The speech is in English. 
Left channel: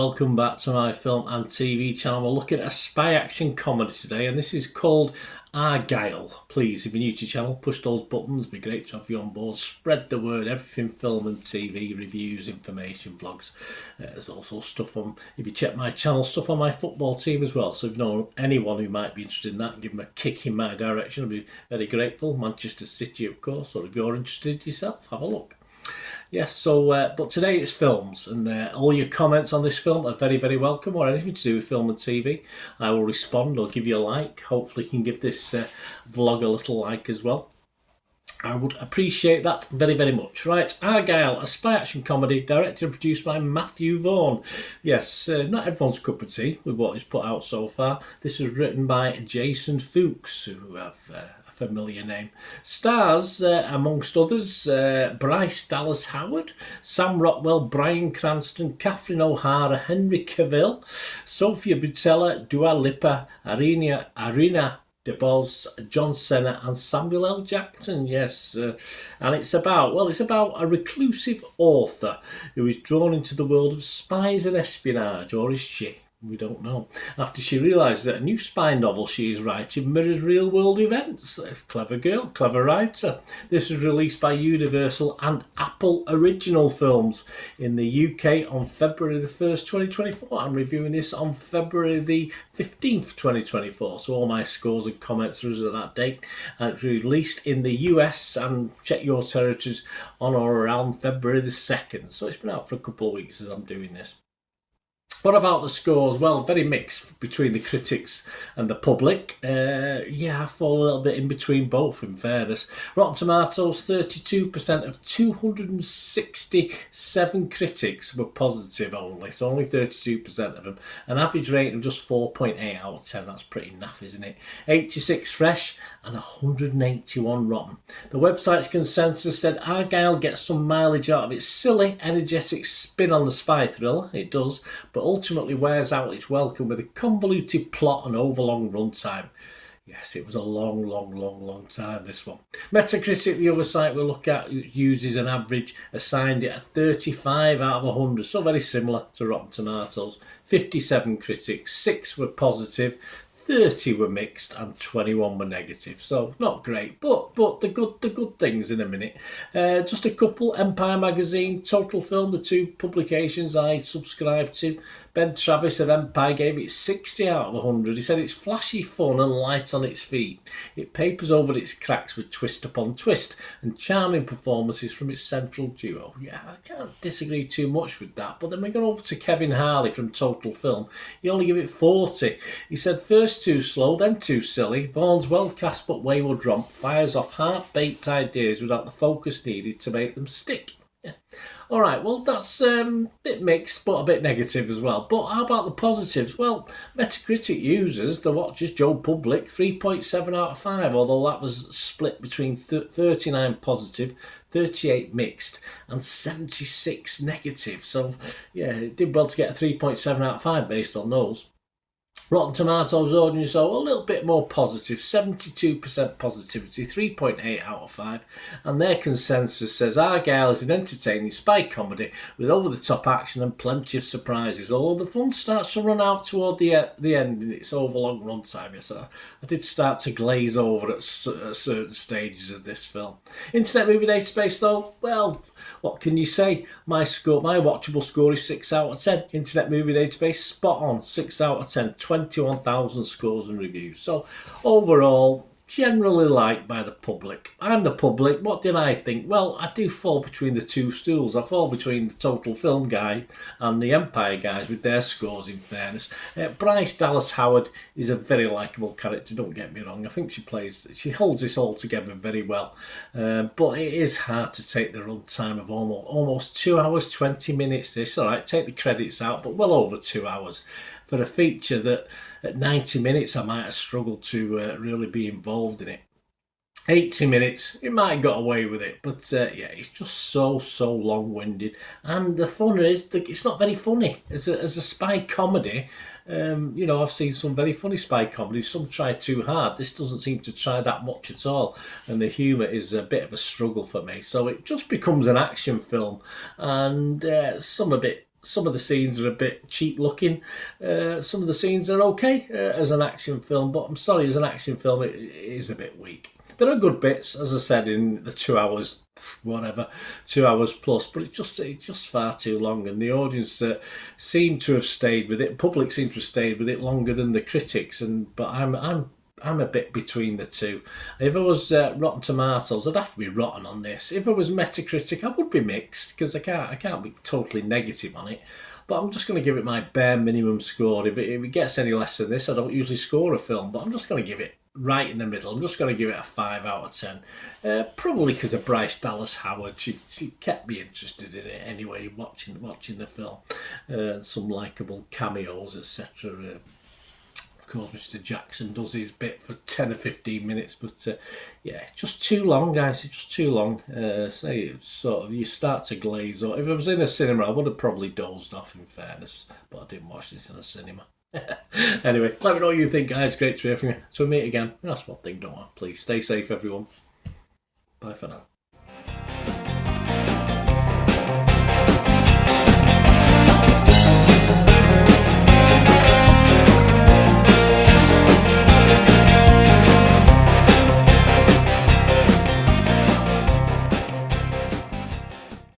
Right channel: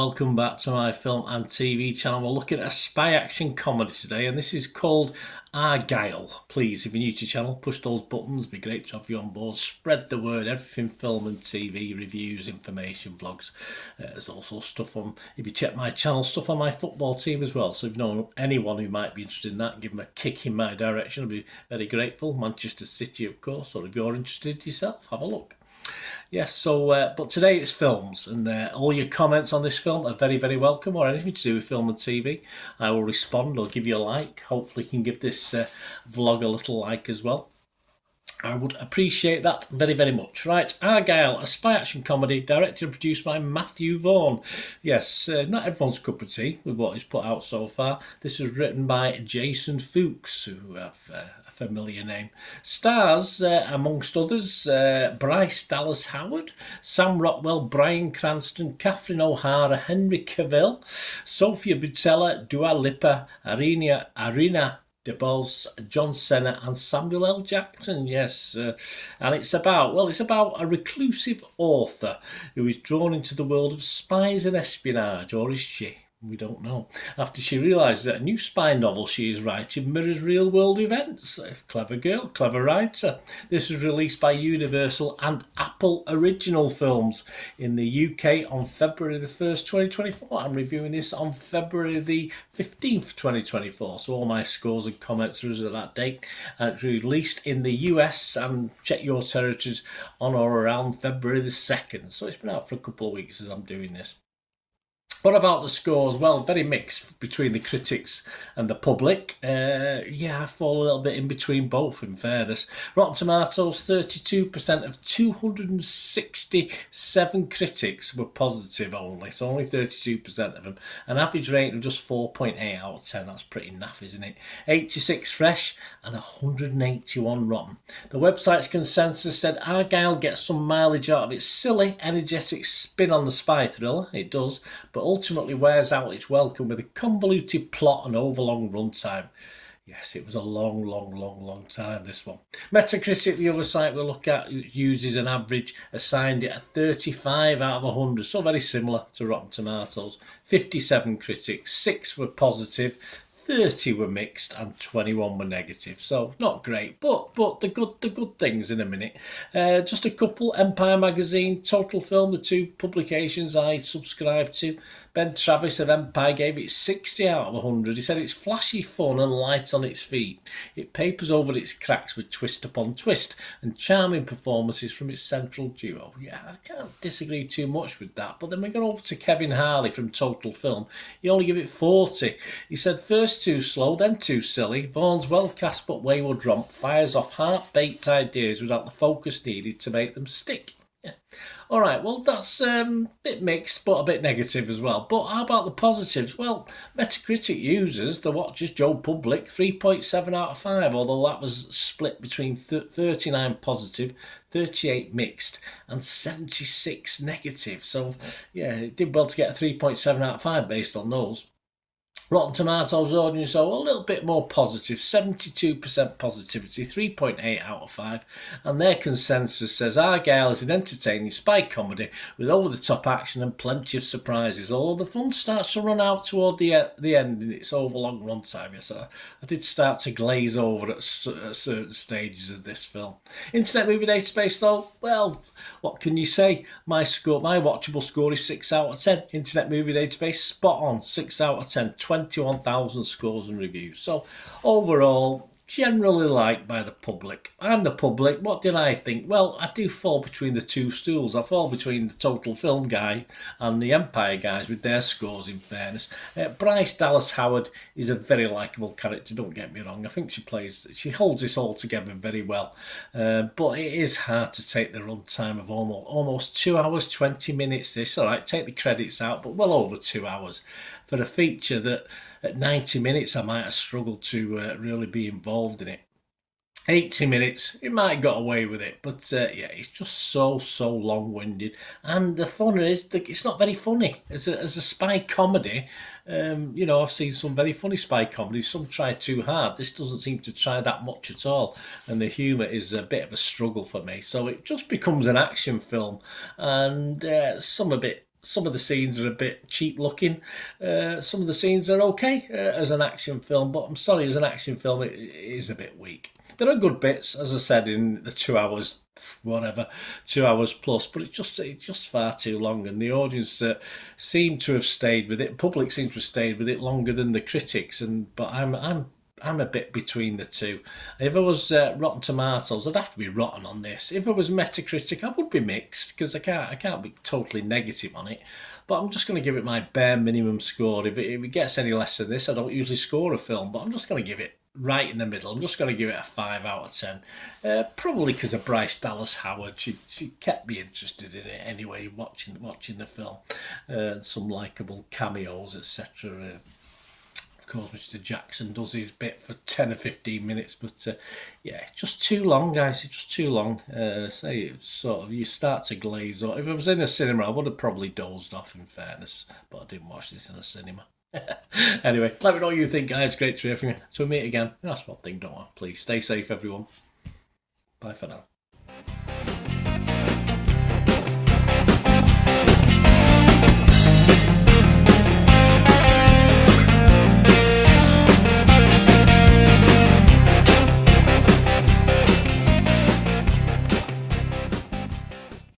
welcome back to my film and TV channel. We're looking at a spy action comedy today, and this is called Argylle. Please, if you're new to the channel, push those buttons. It'd be great to have you on board. Spread the word, everything film and TV, reviews, information, vlogs. There's also stuff on, if you check my channel, stuff on my football team as well. So if you know anyone who might be interested in that, give them a kick in my direction. I'd be very grateful. Manchester City, of course, or if you're interested yourself, have a look. Yes, so, but today it's films, and all your comments on this film are very, very welcome, or anything to do with film and TV. I will respond or give you a like. Hopefully you can give this vlog a little like as well. I would appreciate that very, very much. Right, Argylle, a spy action comedy directed and produced by Matthew Vaughn. Yes, not everyone's cup of tea with what he's put out so far. This was written by Jason Fuchs, who have a familiar name. Stars, amongst others, Bryce Dallas Howard, Sam Rockwell, Bryan Cranston, Catherine O'Hara, Henry Cavill, Sofia Boutella, Dua Lipa, Arena DeBose, John Cena and Samuel L. Jackson. Yes, and it's about a reclusive author who is drawn into the world of spies and espionage, or is she? We don't know. After she realises that a new spy novel she is writing mirrors real-world events. Clever girl, clever writer. This was released by Universal and Apple Original Films in the UK on February the 1st, 2024. I'm reviewing this on February the 15th, 2024. So all my scores and comments are as of that date. And it's released in the US and check your territories on or around February the 2nd. So it's been out for a couple of weeks as I'm doing this. What about the scores? Well, very mixed between the critics and the public. I fall a little bit in between both, in fairness. Rotten Tomatoes, 32% of 267 critics were positive only, so only 32% of them. An average rating of just 4.8 out of 10. That's pretty naff, isn't it? 86 fresh and 181 rotten. The website's consensus said Argylle gets some mileage out of its silly, energetic spin on the spy thriller. It does, but ultimately wears out its welcome with a convoluted plot and overlong runtime. Yes, it was a long time, this one. Metacritic, the other site we look at, uses an average, assigned it a 35 out of 100, so very similar to Rotten Tomatoes. 57 critics, 6 were positive, 30 were mixed and 21 were negative, so not great, but the good things in a minute. Just a couple. Empire Magazine, Total Film, the two publications I subscribe to. Ben Travis of Empire gave it 60 out of 100. He said it's flashy, fun and light on its feet. It papers over its cracks with twist upon twist and charming performances from its central duo. Yeah, I can't disagree too much with that. But then we go over to Kevin Harley from Total Film. He only gave it 40. He said first too slow, then too silly. Vaughn's well cast but wayward romp fires off half-baked ideas without the focus needed to make them stick. Yeah. All right, well, that's a bit mixed, but a bit negative as well. But how about the positives? Well, Metacritic users, the watchers, Joe Public, 3.7 out of 5, although that was split between 39 positive, 38 mixed, and 76 negative. So, yeah, it did well to get a 3.7 out of 5 based on those. Rotten Tomatoes audience, so a little bit more positive, 72% positivity, 3.8 out of 5. And their consensus says Argylle is an entertaining spy comedy with over-the-top action and plenty of surprises, although the fun starts to run out toward the end in its overlong runtime. Yes, I did start to glaze over at certain stages of this film. Internet Movie Database, though, well, what can you say? My watchable score is 6 out of 10. Internet Movie Database, spot on, 6 out of 10. 21,000 scores and reviews. So overall, generally liked by the public. I'm the public. What did I think? Well, I do fall between the two stools. I fall between the Total Film guy and the Empire guys with their scores, in fairness. Bryce Dallas Howard is a very likeable character, don't get me wrong. I think she holds this all together very well. But it is hard to take the runtime of almost 2 hours, 20 minutes. This, all right, take the credits out, but well over 2 hours. For a feature that at 90 minutes I might have struggled to really be involved in it. 80 minutes, it might have got away with it, but yeah, it's just so long-winded. And the fun is, it's not very funny. As a spy comedy, I've seen some very funny spy comedies. Some try too hard. This doesn't seem to try that much at all. And the humour is a bit of a struggle for me. So it just becomes an action film. And some a bit some of the scenes are a bit cheap looking. Some of the scenes are okay as an action film, but I'm sorry, as an action film, it is a bit weak. There are good bits, as I said, in the 2 hours, whatever, 2 hours plus, but it's just far too long, and the audience seem to have stayed with it. Public seem to have stayed with it longer than the critics, but I'm a bit between the two. If I was Rotten Tomatoes, I'd have to be rotten on this. If I was Metacritic, I would be mixed because I can't be totally negative on it. But I'm just going to give it my bare minimum score. If it gets any less than this, I don't usually score a film, but I'm just going to give it right in the middle. I'm just going to give it a 5 out of 10. Probably because of Bryce Dallas Howard. She kept me interested in it anyway, watching the film. Some likeable cameos, etc. Of course, Mr. Jackson does his bit for 10 or 15 minutes, but yeah, just too long, guys. It's just too long. Say sort of you start to glaze. Or if I was in a cinema, I would have probably dozed off. In fairness, but I didn't watch this in a cinema. Anyway, let me know what you think, guys. Great to hear from you. So we meet again. That's one thing, don't I? Please stay safe, everyone. Bye for now.